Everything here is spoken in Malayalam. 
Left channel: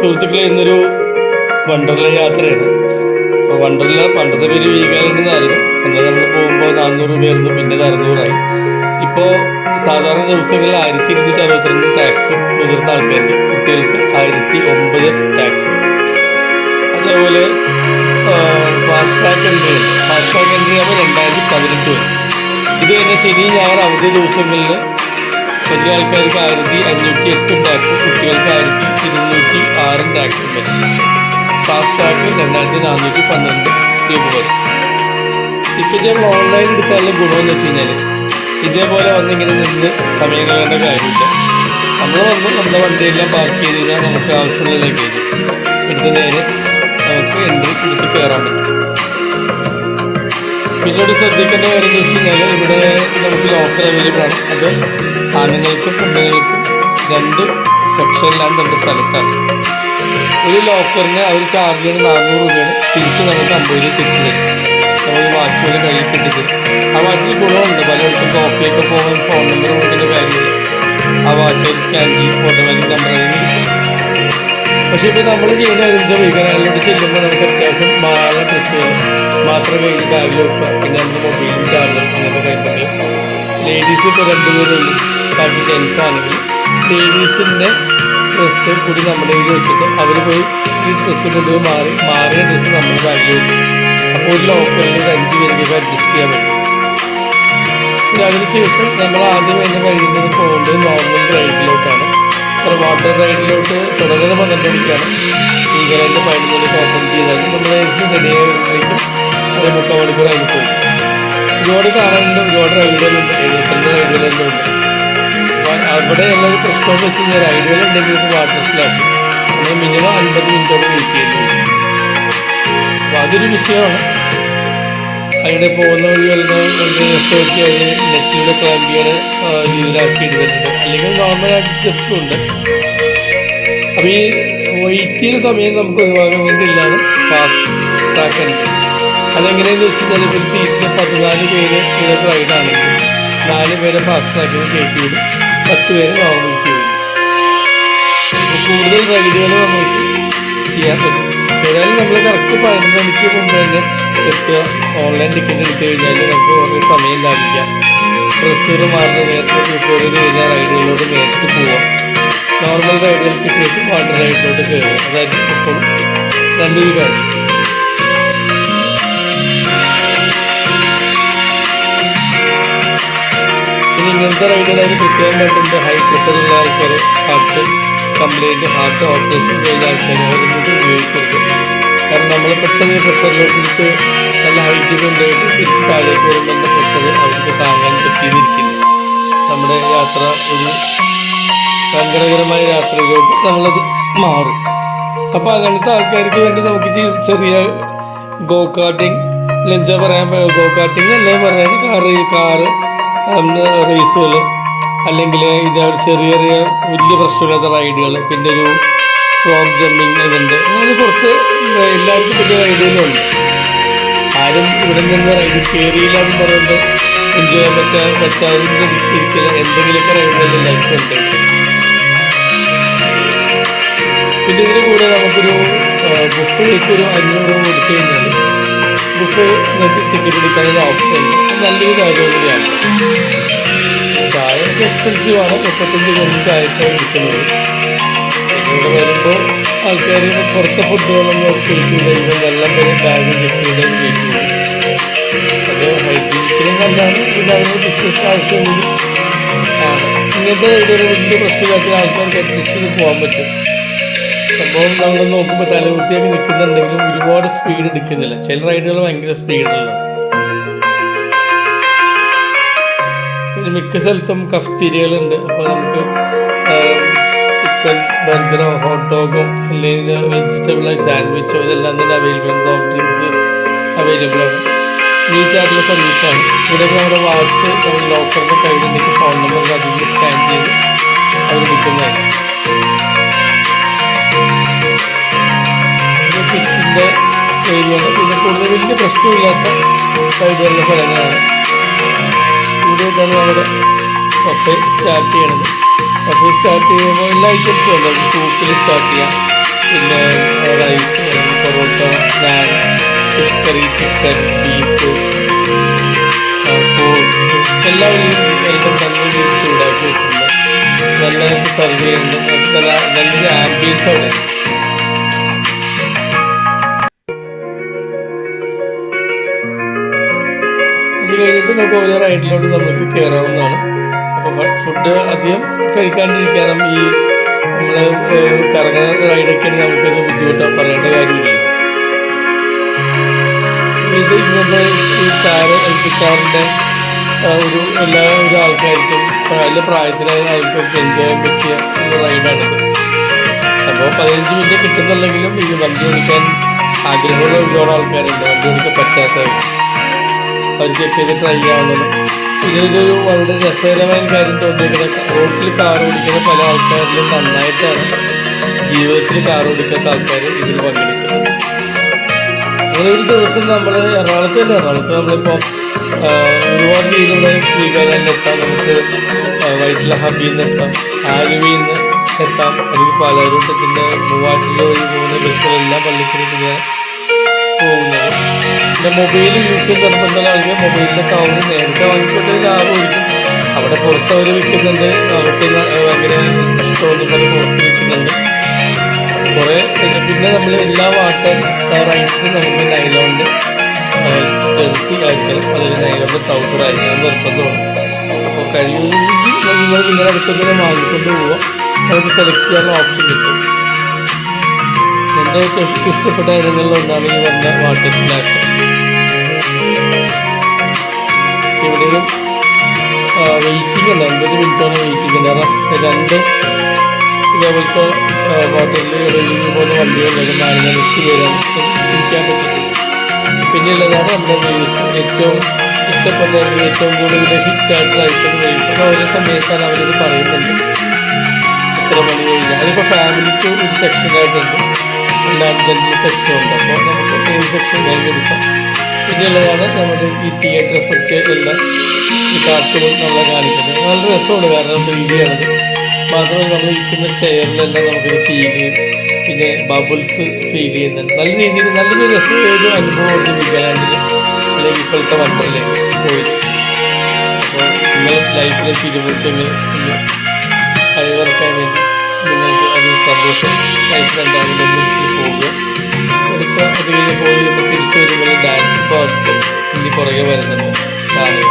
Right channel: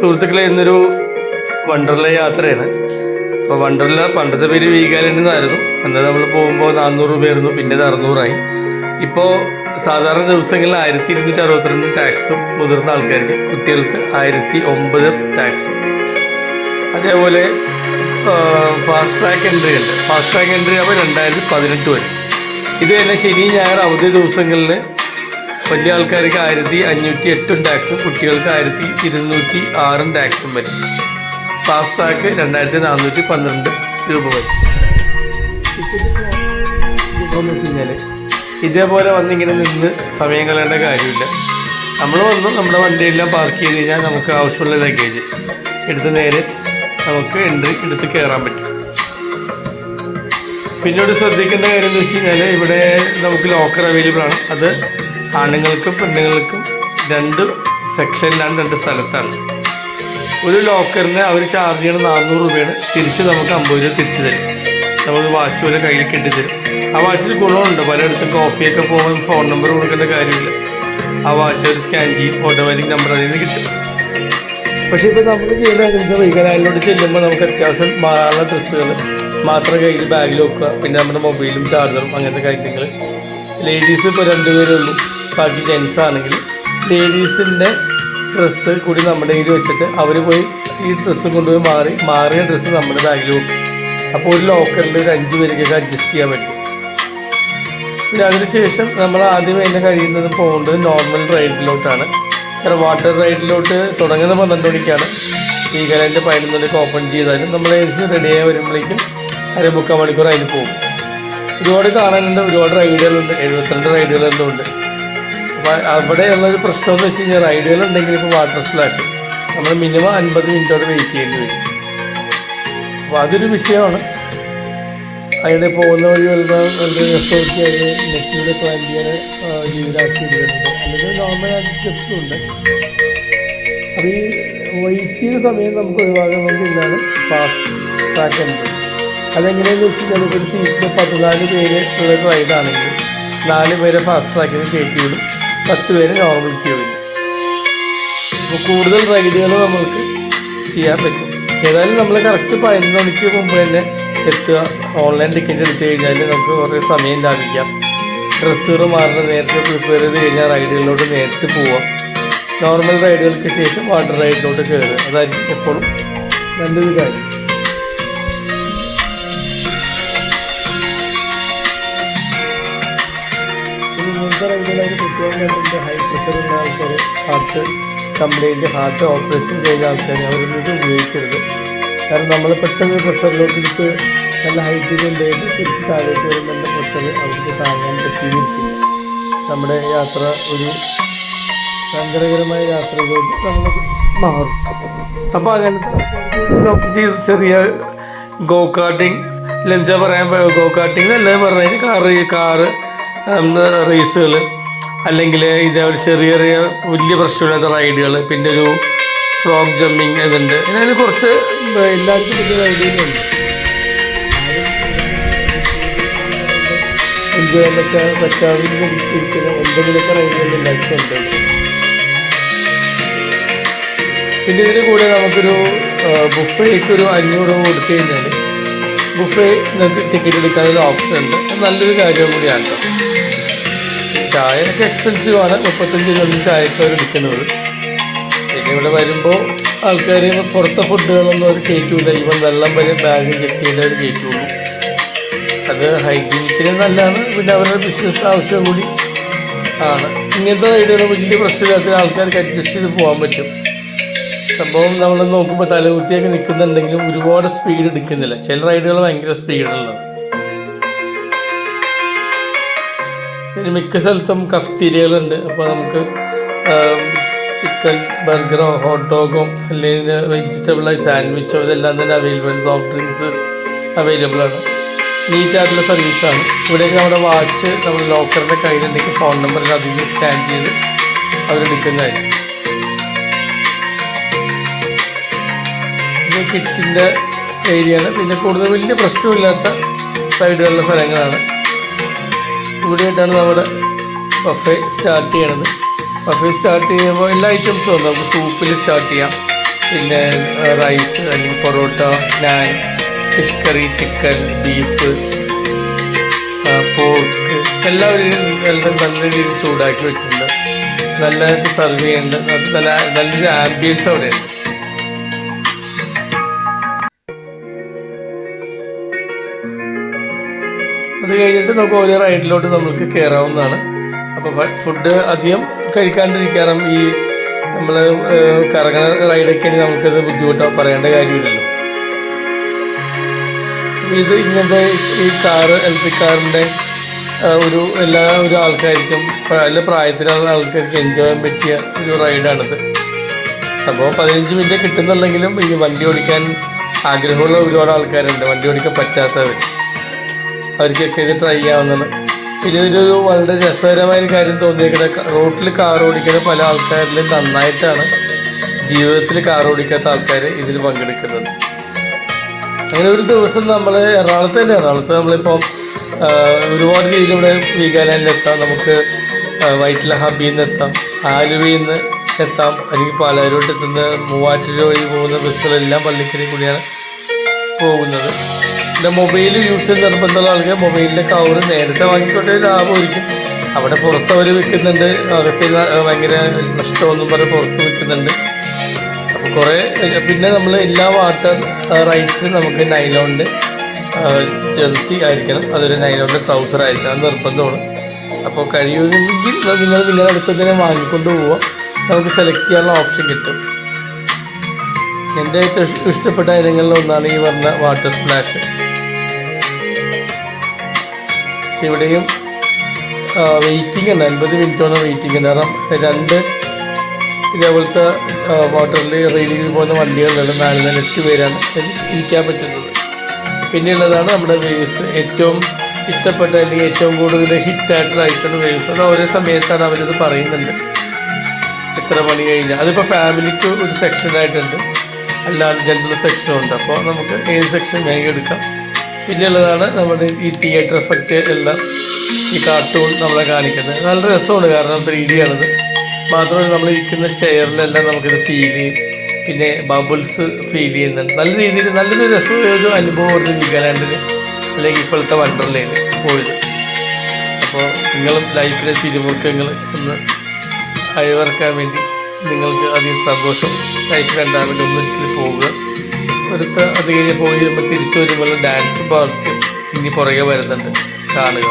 സുഹൃത്തുക്കളെ, ഇന്നൊരു വണ്ടർല യാത്രയാണ്. അപ്പോൾ വണ്ടർല പണ്ടത്തെ പേര് വീഗാലാൻഡ് എന്നായിരുന്നു. അന്ന് നമ്മൾ പോകുമ്പോൾ 400 രൂപയായിരുന്നു, പിന്നെ അത് 600 ഇപ്പോൾ സാധാരണ ദിവസങ്ങളിൽ 1262 ടാക്സും, മുതിർന്ന ആൾക്കാർക്ക് കുട്ടികൾക്ക് 1009 ടാക്സും. അതേപോലെ ഫാസ്റ്റ് ട്രാക്ക് എൻട്രി ഉണ്ട്. ഫാസ്റ്റ് ട്രാക്ക് എൻട്രി ആകുമ്പോൾ 2018 വരും. ഇത് തന്നെ ശനി ഞായർ അവധി ദിവസങ്ങളിൽ വലിയ ആൾക്കാർക്ക് 1508 ടാക്സും, കുട്ടികൾക്ക് 1206 ടാക്സും വരും. ഫാസ്റ്റ് ട്രാക്ക് 2412 രൂപ വരും. ടിക്കറ്റ് നമ്മൾ ഓൺലൈൻ എടുത്താലും ഗുണമെന്ന് വെച്ച് കഴിഞ്ഞാൽ ഇതേപോലെ വന്നിങ്ങനെ നിന്ന് സമയം കളയേണ്ട കാര്യമില്ല. നമ്മൾ വന്നു നമ്മുടെ വണ്ടിയെല്ലാം പാർക്ക് ചെയ്ത് കഴിഞ്ഞാൽ നമുക്ക് ആവശ്യമുള്ള ലഗേജ് എടുത്ത് നേരെ നമുക്ക് എൻട്രി എടുത്ത് കയറാൻ പറ്റും. പിന്നീട് ശ്രദ്ധിക്കേണ്ട കാര്യം എന്ന് വെച്ച് കഴിഞ്ഞാൽ ഇവിടെ നമുക്ക് ലോക്കർ അവൈലബിൾ ആണ്. അത് ആണുങ്ങൾക്കും പെണ്ണുങ്ങൾക്കും 2 സെക്ഷനിലാണ്, 2 സ്ഥലത്താണ്. ഒരു ലോക്കറിന് അവർ ചാർജ് ചെയ്യണത് 400 രൂപയാണ്. തിരിച്ച് നമുക്ക് 50 രൂപ തിരിച്ച് തരും. നമുക്ക് വാച്ച് പോലെ കയ്യിൽ കെട്ടിത്തരും. ആ വാച്ചിൽ ഗുണമുണ്ട്. പലയിടത്തും കോഫിയൊക്കെ പോകുമ്പോൾ ഫോൺ നമ്പർ കൊടുക്കേണ്ട കാര്യമില്ല. ആ വാച്ച് ഒരു സ്കാൻ ചെയ്യും, ഓട്ടോമാറ്റിക് നമ്പർ അതിൽ നിന്ന് കിട്ടും. പക്ഷേ ഇപ്പോൾ നമ്മൾ ചെയ്യുന്ന കാര്യം വീഗാലാൻഡിലോട്ട് ചെല്ലുമ്പോൾ നമുക്ക് അത്യാവശ്യം മാറാനുള്ള ഡ്രസ്സുകൾ മാത്രം കയ്യിൽ ബാഗിൽ വെക്കുക. പിന്നെ നമ്മുടെ മൊബൈലും ചാർജറും അങ്ങനത്തെ കാര്യങ്ങൾ. ലേഡീസ് ഇപ്പോൾ 2 പേരേ ഉള്ളൂ. ബാക്കി ജെൻസ് ആണെങ്കിൽ ലേഡീസിൻ്റെ ഡ്രസ്സ് കൂടി നമ്മുടെ കയ്യിൽ വെച്ചിട്ട് അവർ പോയി ഈ ഡ്രസ്സ് കൊണ്ടുപോയി മാറിയ ഡ്രസ്സ് നമ്മുടെ ബാഗിൽ വെക്കും. അപ്പോൾ ഒരു ലോക്കറിൽ ഒരു 5 പേർക്കൊക്കെ അഡ്ജസ്റ്റ് ചെയ്യാൻ പറ്റും. പിന്നെ അതിനുശേഷം നമ്മൾ ആദ്യം അതിന് കഴിയുന്നത് പോകേണ്ടത് നോർമൽ റൈഡിലോട്ടാണ്. കാരണം വാട്ടർ റൈഡിലോട്ട് തുടങ്ങുന്ന 12 മണിക്കാണ്. വീഗാലാൻഡ് 11 മണിക്ക് ഓപ്പൺ ചെയ്താലും നമ്മൾ റെഡിയായി വരുമ്പോഴേക്കും 1/4 മണിക്കൂർ അതിന് പോകും. ഒരുപാട് കാണാനുണ്ട്, ഒരുപാട് റൈഡുകളുണ്ട്. 72 റൈഡുകളെന്തുണ്ട്. അപ്പോൾ അവിടെയുള്ളൊരു പ്രശ്നമെന്ന് വെച്ച് കഴിഞ്ഞാൽ റൈഡുകളുണ്ടെങ്കിൽ ഇപ്പോൾ വാട്ടർ സ്പ്ലാഷ് നമ്മൾ മിനിമം 50 മിനിറ്റോടെ വെയിറ്റ് ചെയ്യേണ്ടി വരും. അപ്പോൾ അതൊരു വിഷയമാണ്. അതിടെ പോകുന്ന വഴി വളരെ രസമൊക്കെ അത് നെറ്റിലൂടെ ക്ലൈംബ് ചെയ്യാൻ രീതിയിലാക്കി ഇടുന്നുണ്ട്. അല്ലെങ്കിൽ നോർമലായിട്ട് സ്റ്റെപ്സും ഉണ്ട്. അപ്പോൾ ഈ വെയിറ്റ് ചെയ്യുന്ന സമയം നമുക്ക് ഒഴിവാക്കാൻ വേണ്ടിയില്ലാണ് ഫാസ്റ്റ് ട്രാക്ക് എൻട്രി. അതെങ്ങനെയാണെന്ന് വെച്ച് കഴിഞ്ഞാൽ ഇപ്പോൾ ഒരു സീറ്റിൽ 14 പേര് ഇവിടെ റൈഡാണെങ്കിൽ 4 പേരെ ഫാസ്റ്റ് ട്രാക്കിന് കയറ്റി വിടും, 10 പേര് നോർമൽ ക്യൂ വിടും. അപ്പോൾ കൂടുതൽ റൈഡുകൾ നമുക്ക് ചെയ്യാൻ പറ്റും. ഏതായാലും നമ്മൾ കറക്റ്റ് 11 മണിക്ക് മുമ്പ് തന്നെ എത്തുക. ഓൺലൈൻ ടിക്കറ്റ് എടുത്തു കഴിഞ്ഞാൽ നമുക്ക് കുറേ സമയം ലാഭിക്കാം. ഡ്രസ്സുകൾ മാറുന്ന നേരത്തെ പ്രിപ്പയർ ചെയ്ത് കഴിഞ്ഞാൽ റൈഡുകളിലോട്ട് നേരിട്ട് പോവാം. നോർമൽ റൈഡുകൾക്ക് ശേഷം വാട്ടർ റൈഡിലോട്ട് കയറുക. അതായിരിക്കും എപ്പോഴും നല്ലൊരു കാര്യം. ഇനി ഇങ്ങനത്തെ റൈഡുകളായി പ്രത്യേകമായിട്ടുണ്ട്. ഹൈ പ്രഷറുള്ള ആൾക്കാർ, ഹാർട്ട് കംപ്ലൈൻറ്റ്, ഹാർട്ട് ഓപ്പറേഷൻ കഴിഞ്ഞ ആൾക്കാർ അവരൊന്നും ഉപയോഗിക്കരുത്. കാരണം നമ്മൾ പെട്ടെന്ന് പ്രഷറിലോട്ട് എടുത്ത് നല്ല ഹൈറ്റ് കൊണ്ടുപോയിട്ട് തിരിച്ച് താഴേക്ക് വരുന്ന പ്രഷർ അവർക്ക് താങ്ങാൻ പറ്റിയെന്നിരിക്കില്ല. നമ്മുടെ യാത്ര ഒരു സങ്കടകരമായ യാത്രയിലോട്ട് നമ്മളത് മാറും. അപ്പോൾ അങ്ങനത്തെ ആൾക്കാർക്ക് വേണ്ടി നമുക്ക് ചെറിയ ഗോ കാർട്ടിങ്, എന്താ പറയാൻ, ഗോ കാർട്ടിങ് അല്ലേ പറഞ്ഞാൽ കാറ് റേസുകൾ, അല്ലെങ്കിൽ ഇതേപോലെ ചെറിയ ചെറിയ വലിയ പ്രശ്നമില്ലാത്ത റൈഡുകൾ, പിന്നെ ഒരു ഫ്രോഗ് ജമ്പിങ് ഇതുണ്ട്. അതിന് കുറച്ച് എല്ലാവർക്കും വലിയ റൈഡുകളുണ്ട്. ആരും ഇവിടെ നിന്ന് റൈഡ് കയറിയില്ലാന്ന് പറയുന്നത് എൻജോയ് ചെയ്യാൻ പറ്റാതെ ഇരിക്കില്ല. എന്തെങ്കിലുമൊക്കെ റൈഡുകൾ എല്ലാവർക്കും ഉണ്ട്. പിന്നെ ഇതിന് കൂടെ നമുക്കൊരു ബുഫേക്ക് ഒരു 500 രൂപ കൊടുത്തു കഴിഞ്ഞാൽ ബുഫേ നിങ്ങൾക്ക് ടിക്കറ്റ് എടുക്കാനൊരു ഓപ്ഷൻ ഉണ്ട്. നല്ലൊരു കാര്യം കൂടിയാണ്. ചായയൊക്കെ എക്സ്പെൻസീവാണ്. 35 രൂപ ചായക്ക് അവർ എടുക്കുന്നത്. പിന്നെ ഇവിടെ വരുമ്പോൾ ആൾക്കാർ പുറത്തെ ഫുഡുകളൊന്നും അവർ കയറ്റില്ല. ഈവൻ വെള്ളം വരെ ബാഗ് ചെക്ക് ചെയ്ത് അവർ കയറ്റുള്ളൂ. അത് ഹൈജീനിക്കിന് നല്ലതാണ്. പിന്നെ അവരുടെ ബിസിനസ് ആവശ്യം കൂടി ആണ്. ഇങ്ങനത്തെ റൈഡുകൾ വലിയ പ്രശ്നമില്ലാത്ത ആൾക്കാർക്ക് അഡ്ജസ്റ്റ് ചെയ്ത് പോകാൻ പറ്റും. സംഭവം നമ്മൾ നോക്കുമ്പോൾ തലകുത്തിയൊക്കെ നിൽക്കുന്നുണ്ടെങ്കിലും ഒരുപാട് സ്പീഡ് എടുക്കുന്നില്ല. ചില റൈഡുകൾ ഭയങ്കര സ്പീഡുള്ളതാണ്. പിന്നെ മിക്ക സ്ഥലത്തും കഫ്തീരിയകളുണ്ട്. അപ്പോൾ നമുക്ക് ചിക്കൻ ബർഗറോ ഹോട്ട് ഡോഗോ അല്ലെങ്കിൽ വെജിറ്റബിളായി സാൻഡ്വിച്ചോ ഇതെല്ലാം തന്നെ അവൈലബിൾ ആണ്. സോഫ്റ്റ് ഡ്രിങ്ക്സ് അവൈലബിൾ ആണ്. നീറ്റായിട്ടുള്ള സർവീസാണ്. ഇവിടെയൊക്കെ നമ്മുടെ വാച്ച് നമ്മൾ ലോക്കറിൻ്റെ കയ്യിലുണ്ടെങ്കിൽ ഫോൺ നമ്പറിൽ അതിൽ സ്കാൻ ചെയ്ത് അവരെടുക്കുന്നതായിരിക്കും. ഇത് കിഡ്സിൻ്റെ ഏരിയയാണ്. പിന്നെ കൂടുതൽ വലിയ പ്രശ്നമില്ലാത്ത സൈഡുകളുള്ള സ്ഥലങ്ങളാണ്. ഇവിടെയായിട്ടാണ് നമ്മുടെ ബഫേ സ്റ്റാർട്ട് ചെയ്യണത്. ബഫേ സ്റ്റാർട്ട് ചെയ്യുമ്പോൾ എല്ലാ ഐറ്റംസും ഉണ്ട്. നമുക്ക് സൂപ്പിൽ സ്റ്റാർട്ട് ചെയ്യാം, പിന്നെ rice, parotta, naan, fish curry, chicken, beef, pork എല്ലാവരും എല്ലാം നല്ല രീതിയിൽ ചൂടാക്കി വെച്ചിട്ടുണ്ട്. നല്ല സെർവ് ചെയ്യുന്നുണ്ട്. അത് നല്ലൊരു ആംബിയൻസ് അവിടെ ഉണ്ട്. അത് കഴിഞ്ഞിട്ട് നമുക്ക് ഓരോ റൈഡിലോട്ട് നമുക്ക് കയറാവുന്നതാണ്. അപ്പോൾ ഫുഡ് അധികം കഴിക്കാണ്ടിരിക്കാനും ഈ നമ്മൾ കറങ്ങുന്ന റൈഡൊക്കെയാണെങ്കിൽ നമുക്കത് ബുദ്ധിമുട്ടാണ്, പറയേണ്ട കാര്യമില്ലല്ലോ. ഇത് ഇങ്ങനത്തെ ഈ കാറ്, ഇലക്ട്രിക് കാറിൻ്റെ ഒരു ആൾക്കാർക്കും നല്ല പ്രായത്തിലുള്ള ആൾക്കാർക്ക് എൻജോയ് ചെയ്യാൻ പറ്റിയ ഒരു റൈഡാണിത്. അപ്പോൾ 15 മിനിറ്റ് കിട്ടുന്നുണ്ടെങ്കിലും ഈ വണ്ടി ഓടിക്കാൻ ആഗ്രഹമുള്ള ഒരുപാട് ആൾക്കാരുണ്ട്, വണ്ടി ഓടിക്കാൻ പറ്റാത്തവർ. അവർക്കൊക്കെ ഇത് ട്രൈ ചെയ്യാവുന്നതാണ്. പിന്നെ ഇതൊരു വളരെ രസകരമായ കാര്യം തോന്നിയിരിക്കുന്നത്, റോഡിൽ കാർ ഓടിക്കുന്ന പല ആൾക്കാരിലും നന്നായിട്ടാണ് ജീവിതത്തിൽ കാർ ഓടിക്കാത്ത ആൾക്കാർ ഇതിൽ പങ്കെടുക്കുന്നത്. അങ്ങനെ ഒരു ദിവസം നമ്മൾ എറണാകുളത്ത് നമ്മളിപ്പോൾ ഒരുപാട് രീതിയിലൂടെ വീഗാലാൻഡിലെത്താം, നമുക്ക് വൈറ്റില ഹബിയിൽ നിന്ന് എത്താം, ആലുവയിൽ നിന്ന് എത്താം, അല്ലെങ്കിൽ പാലാരിലോട്ട് എത്തുന്ന മൂവാറ്റുപുഴ വഴി പോകുന്ന ബസ്സുകളെല്ലാം പള്ളിക്കരി കൂടിയാണ് പോകുന്നത്. പിന്നെ മൊബൈൽ യൂസ് ചെയ്ത് നിർബന്ധമുള്ള ആൾക്ക് മൊബൈലിൻ്റെ കവർ നേരത്തെ വാങ്ങിക്കൊണ്ട് ലാഭമായിരിക്കും. അവിടെ പുറത്ത് അവർ വിൽക്കുന്നുണ്ട്, അകത്ത് ഭയങ്കര നഷ്ടമൊന്നും പറഞ്ഞ് പുറത്ത് വിൽക്കുന്നുണ്ട്. കുറേ പിന്നെ നമ്മൾ എല്ലാ വാട്ടർ റൈഡ്സിനും നമുക്ക് നൈലോണിൻ്റെ ജെർസി ആയിരിക്കണം, അതൊരു നൈലോണിൻ്റെ ട്രൗസർ ആയിരിക്കണം, നിർബന്ധമാണ്. അപ്പോൾ കഴിയുമെങ്കിൽ നിങ്ങളുടെ അടുത്ത് തന്നെ വാങ്ങിക്കൊണ്ട് പോവാം, നമുക്ക് സെലക്ട് ചെയ്യാനുള്ള ഓപ്ഷൻ കിട്ടും. എൻ്റെ ഏറ്റവും ഇഷ്ടപ്പെട്ട ഇനങ്ങളിലൊന്നാണ് ഈ പറഞ്ഞ വാട്ടർ സ്പ്ലാഷ്. ഇവിടെയും വെയിറ്റിംഗ് ഉണ്ട്, 50 മിനിറ്റാണ് വെയിറ്റിംഗ് ഉണ്ട്. കാരണം 2 ഇതേപോലത്തെ വാട്ടറിൽ റെയിലിംഗ് പോകുന്ന വണ്ടികളുണ്ട്, 4-8 പേരാണ് ഇരിക്കാൻ പറ്റുന്നത്. പിന്നെയുള്ളതാണ് നമ്മുടെ വേവ്സ്, ഏറ്റവും ഇഷ്ടപ്പെട്ട അല്ലെങ്കിൽ ഏറ്റവും കൂടുതൽ ഹിറ്റായിട്ട് നയിക്കുന്ന വേവ്സ്. അത് ഓരോ സമയത്താണ് അവരത് പറയുന്നുണ്ട്, എത്ര മണി കഴിഞ്ഞാൽ. അതിപ്പോൾ ഫാമിലിക്ക് ഒരു സെക്ഷനായിട്ടുണ്ട്, അല്ലാതെ ജനറൽ സെക്ഷനും ഉണ്ട്. അപ്പോൾ നമുക്ക് ഏത് സെക്ഷൻ വേണമെങ്കിൽ എടുക്കാം. പിന്നെയുള്ളതാണ് നമ്മുടെ ഈ തിയേറ്റർ എഫക്റ്റ് എല്ലാം, ഈ കാർട്ടൂൺ നമ്മളെ കാണിക്കുന്നത്. നല്ല രസമാണ്, കാരണം 3D ആണത്. മാത്രമല്ല നമ്മൾ ഇരിക്കുന്ന ചെയറിലെല്ലാം നമുക്കിത് ഫീൽ ചെയ്യും. പിന്നെ ബബിൾസ് ഫീൽ ചെയ്യുന്നുണ്ട്. നല്ല രീതിയിൽ നല്ലൊരു രസമൊരു അനുഭവമുണ്ട് വീഗാലാൻഡിൽ, അല്ലെങ്കിൽ ഇപ്പോഴത്തെ വണ്ടർലയിൽ പോയത്. അപ്പോൾ നിങ്ങൾ ലൈഫിലെ തിരുമുഖങ്ങൾ ഒന്ന് അയവിറക്കാൻ വേണ്ടി നിങ്ങൾക്ക് അധികം സന്തോഷം ലൈഫിലുണ്ടാകാൻ ഒന്നിൽ പോവുക. അടുത്ത് അത് കഴിഞ്ഞ് പോയി നമ്മൾ തിരിച്ചു വരുമ്പോൾ ഡാൻസ് പാർക്ക് ഇനി പുറകെ വരുന്നുണ്ട്, കാണുക.